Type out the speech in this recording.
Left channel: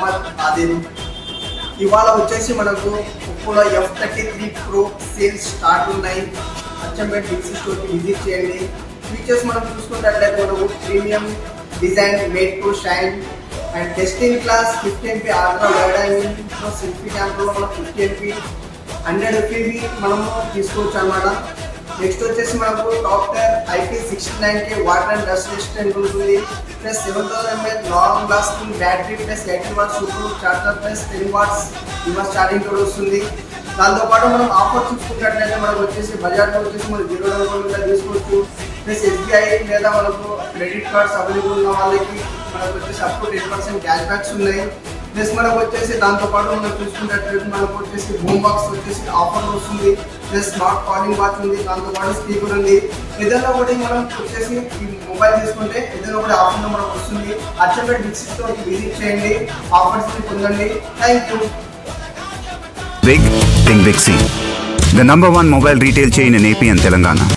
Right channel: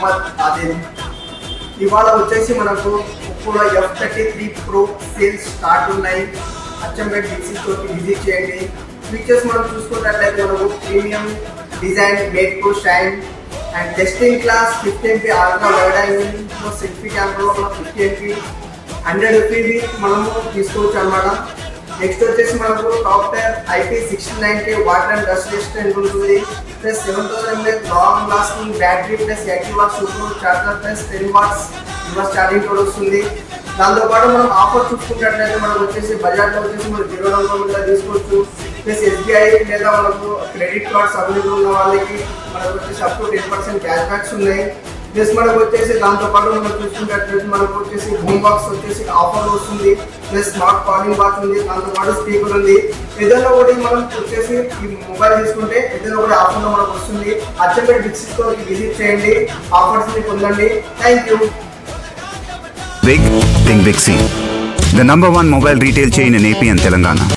మొహమ్మద్ ఆదిల్. ఇవాళ వచ్చేసి మనకు ఒప్పోలో F33 Pro సేల్స్ స్టార్ట్ ఉన్నాయి. అచ్చంపేట డిసి స్టోర్కి విజిట్ చేయండి. ఫీచర్స్ మనం చూసుకున్నట్లయితే మనకు premium design, made to shine and testing class 50MP ultra wide angle selfie కెమెరాలో మనం 50MP 100 fps మనము తీసుకోవచ్చు అనమాట. నెక్స్ట్ వచ్చేసి మనకు టాప్టర్ IP69K water and dust resistant ఉంటుంది. Plus 7000 mAh long lasting battery plus 80 watts super charger plus 10 watts reverse charging కూడా వస్తుంది. దాంతోపాటు మనం ఆఫర్ చూసుకున్నట్లయితే మనకు వచ్చేసి బజాజ్లో వచ్చేసి మనం 0 down payment తీసుకోవచ్చు. ప్లస్ SBI లేదా మనకు క్రెడిట్ కార్డ్స్ అవైలబుల్ ఉన్న వాళ్ళకి మనకు వచ్చేసి అప్ టు 10% క్యాష్ బ్యాక్స్ ఉన్నాయి. ప్లస్ మనకు వచ్చేసి దాంతోపాటు మనం చూసుకున్నట్లయితే మనకు వచ్చేసి హోమ్ బాక్స్ వచ్చేసి ఆఫర్ వస్తుంది. ప్లస్ స్మార్ట్ కాలింగ్ బాక్స్ ఉంది, దాంతోపాటు స్పీకర్ ఉంది. ఏదైనా ఒకటి మనం వచ్చేసి ఈ మొబైల్ తీసుకుంటే ఏదైనా ఒకటి ఆఫర్లో మనకు వస్తుంది. అచ్చంపేట డిసి స్టోర్కి విజిట్ చేయండి, ఆఫర్స్ని పొందండి. Thank you. Big, think Big C. The #1 mobile retail chain in AP and Telangana.